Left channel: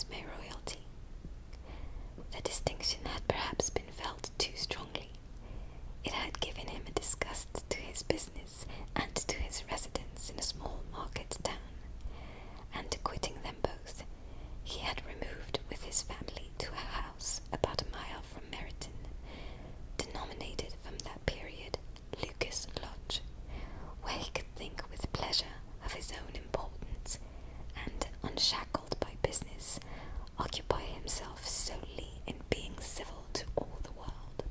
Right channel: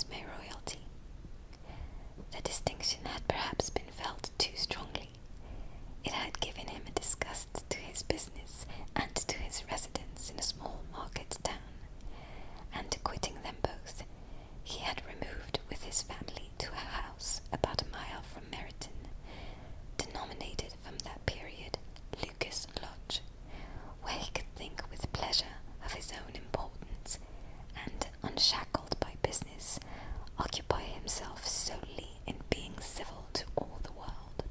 his mayoralty. The distinction had perhaps been felt too strongly. It had given him a disgust to his business and to his residence in a small market town, and quitting them both, he had removed with his family to a house about a mile from Meryton, denominated from that period Lucas Lodge, where he could think with pleasure of his own importance, and, unshackled by business, occupy himself solely in being civil to all the world.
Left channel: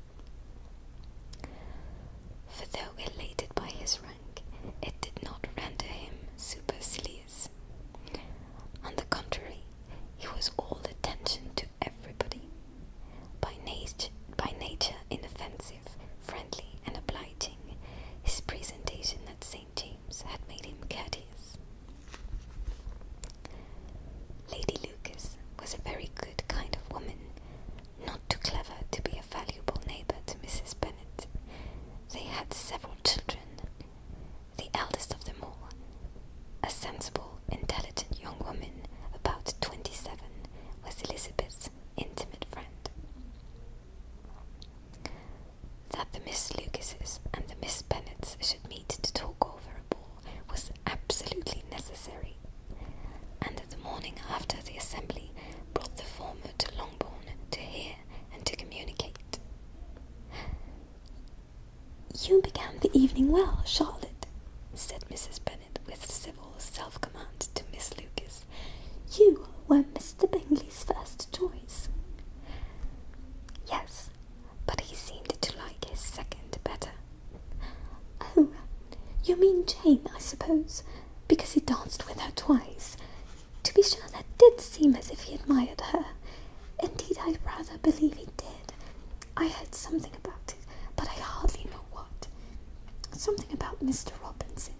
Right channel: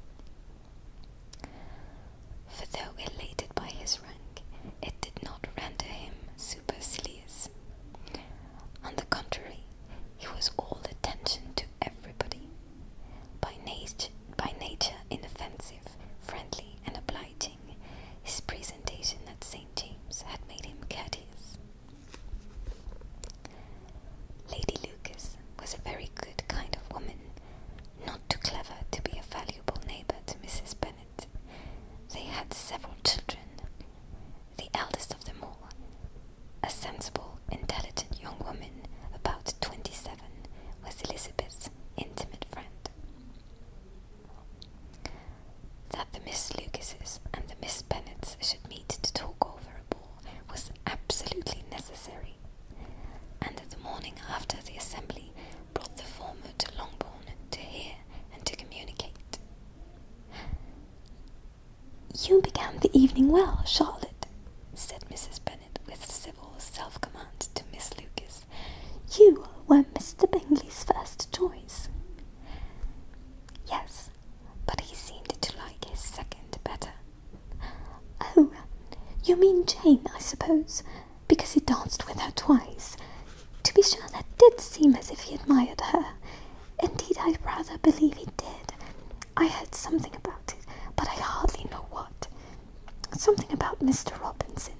For though elated by his rank, it did not render him supercilious. On the contrary, he was all attention to everybody. By nature inoffensive, friendly, and obliging, his presentation at St. James had made him courteous. Lady Lucas was a very good kind of woman, not too clever to be a valuable neighbour to Mrs. Bennet. They had several children. The eldest of them all, a sensible, intelligent young woman about 27, was Elizabeth's intimate friend. That the Miss Lucases and the Miss Bennets should meet to talk over a ball was absolutely necessary, and the morning after the assembly brought the former to Longbourn to hear and to communicate. "You began the evening well, Charlotte," said Mrs. Bennet with civil self-command to Miss Lucas. "You were Mr. Bingley's first choice." "Yes, but he seemed to like his second better." "Oh, you mean Jane, I suppose, because he danced with her twice. To be sure, that did seem as if he admired her. Indeed, I rather believe he did. I heard something about it, but I hardly know what. Something about Mr. Robinson."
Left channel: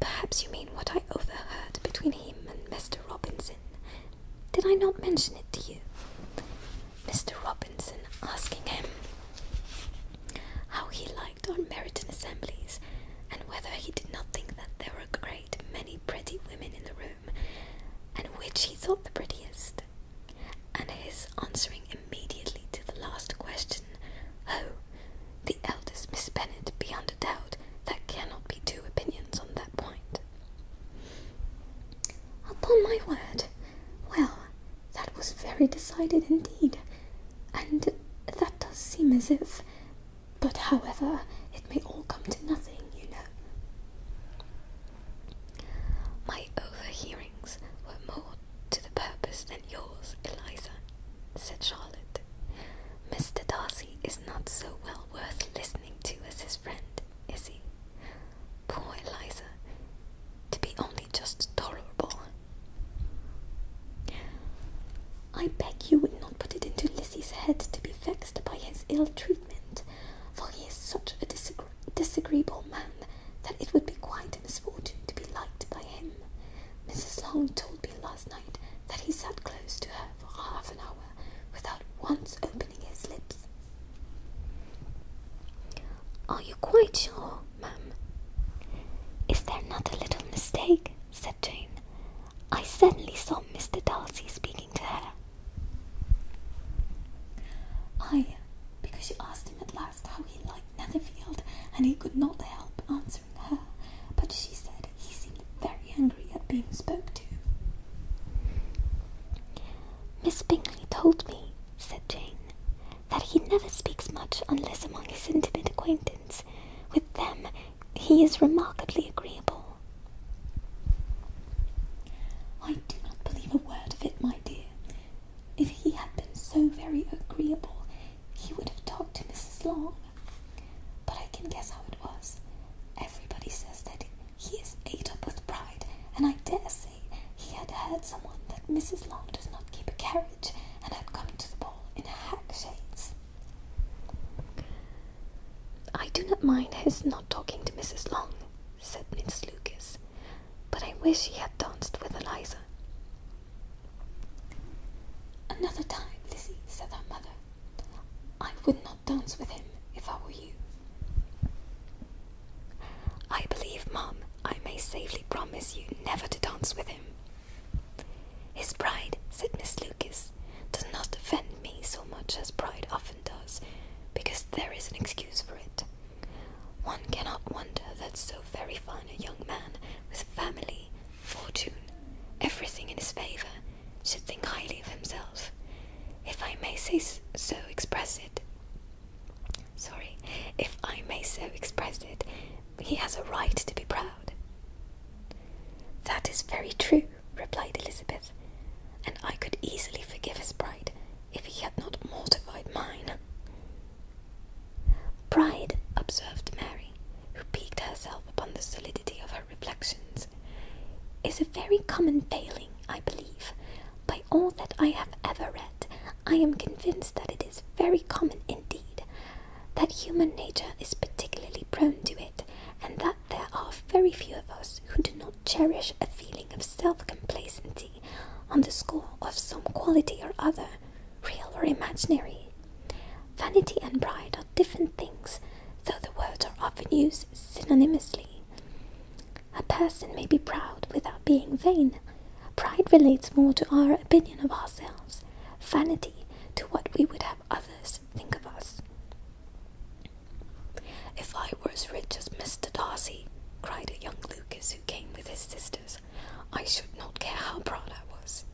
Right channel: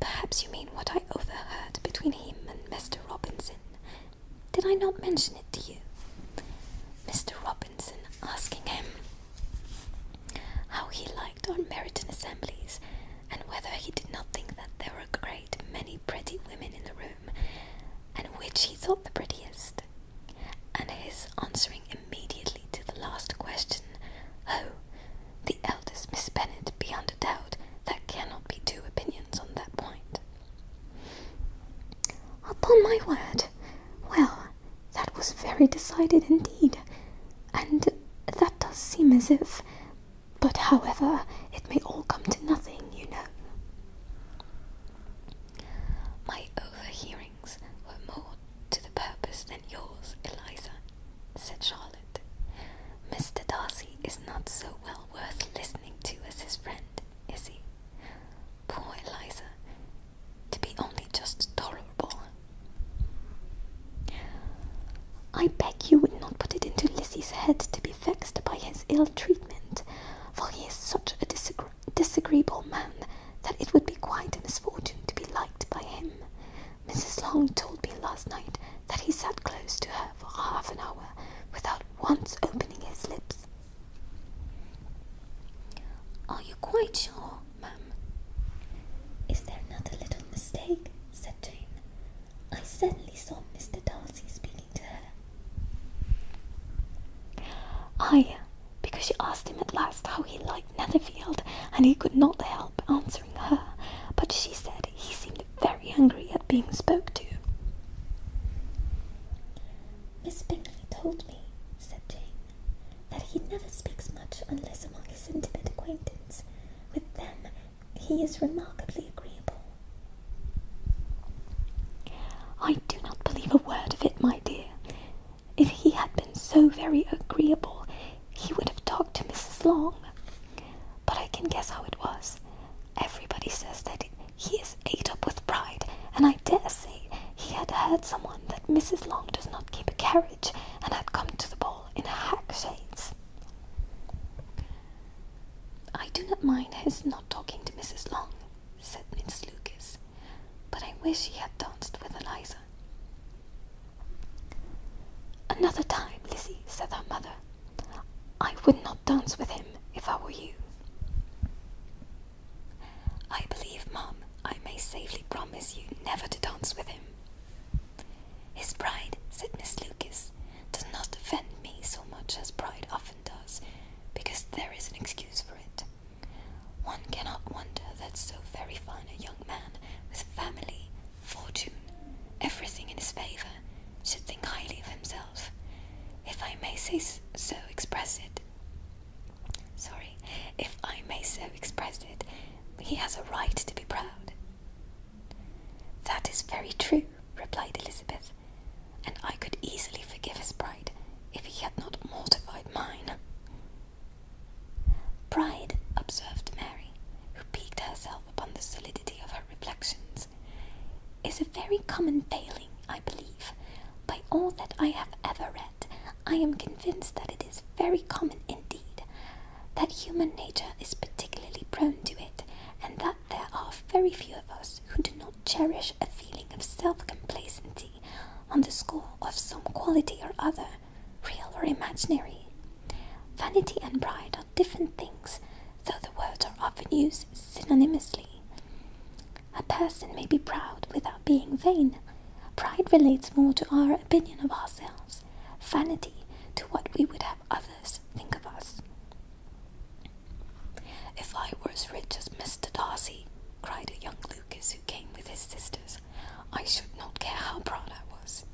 "Perhaps you mean what I overheard between him and Mr. Robinson. Did I not mention it to you? Mr. Robinson asking him how he liked our Meryton assemblies, and whether he did not think that there were a great many pretty women in the room, and which he thought the prettiest, and his answering immediately to the last question, 'Oh, the eldest Miss Bennet, beyond a doubt, there cannot be two opinions on that point.'" "Upon my word, well, that was very decided indeed, and that does seem as if, but however, it may all come to nothing, you know." "My overhearings were more to the purpose than yours, Eliza," said Charlotte. "Mr. Darcy is not so well worth listening to as his friend, is he? Poor Eliza, to be only just tolerable." "I beg you would not put it into Lizzie's head to be vexed by his ill treatment, for he is such a disagreeable man that it would be quite a misfortune to be liked by him. Mrs. Long told me last night that he sat close to her for half an hour without once opening his lips." "Are you quite sure, ma'am?" "Is there not a little mistake?" said Jane. "I certainly saw Mr. Darcy speaking to her." "Aye, because she asked him at last how he liked Netherfield, and he could not help answering her, but she said he seemed very angry at being spoke to." "Miss Bingley told me," said Jane, "that he never speaks much unless among his intimate acquaintance. With them he is remarkably agreeable." "I do not believe a word of it, my dear. If he had been so very agreeable, he would have talked to Mrs. Long. But I can guess how it was. Everybody says that he is ate up with pride, and I dare say he had heard someone that Mrs. Long does not keep a carriage, and had come to the ball in a hack chaise." "I do not mind his not talking to Mrs. Long," said Miss Lucas, "but I wish he had danced with Eliza." "Another time, Lizzie," said her mother. "I would not dance with him if I were you." "I believe, ma'am, I may safely promise you never to dance with him." His pride, said Miss Lucas, does not offend me so much as pride often does, because there is an excuse for it. One cannot wonder that so very fine a young man, with family, fortune, everything in his favour, should think highly of himself. If I may so express it, he has a right to be proud. That is very true, replied Elizabeth, and I could easily forgive his pride if he had not mortified mine. Pride, observed Mary, who piqued herself upon the solidity of her reflections, is a very common failing, I believe. By all that I have ever read, I am convinced that it is very common indeed, that human nature is particularly prone to it, and that there are very few of us who do not cherish a feeling of self-complacency on the score of some quality or other, real or imaginary. Vanity and pride are different things, though the words are often used synonymously. A person may be proud without being vain. Pride relates more to our opinion of ourselves, vanity to what we would have others think of us. If I were as rich as Mr. Darcy, cried a young Lucas who came with his sisters, I should not care how proud I was.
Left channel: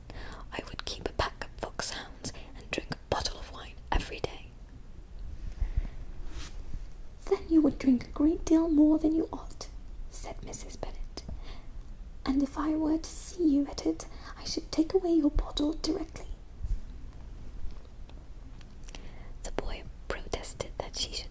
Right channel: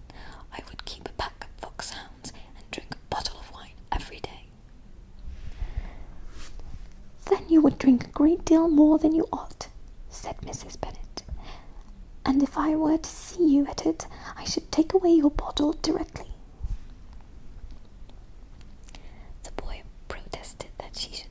I would keep a pack of foxhounds and drink a bottle of wine every day. Then you would drink a great deal more than you ought, said Mrs. Bennet, and if I were to see you at it, I should take away your bottle directly. The boy protested that she should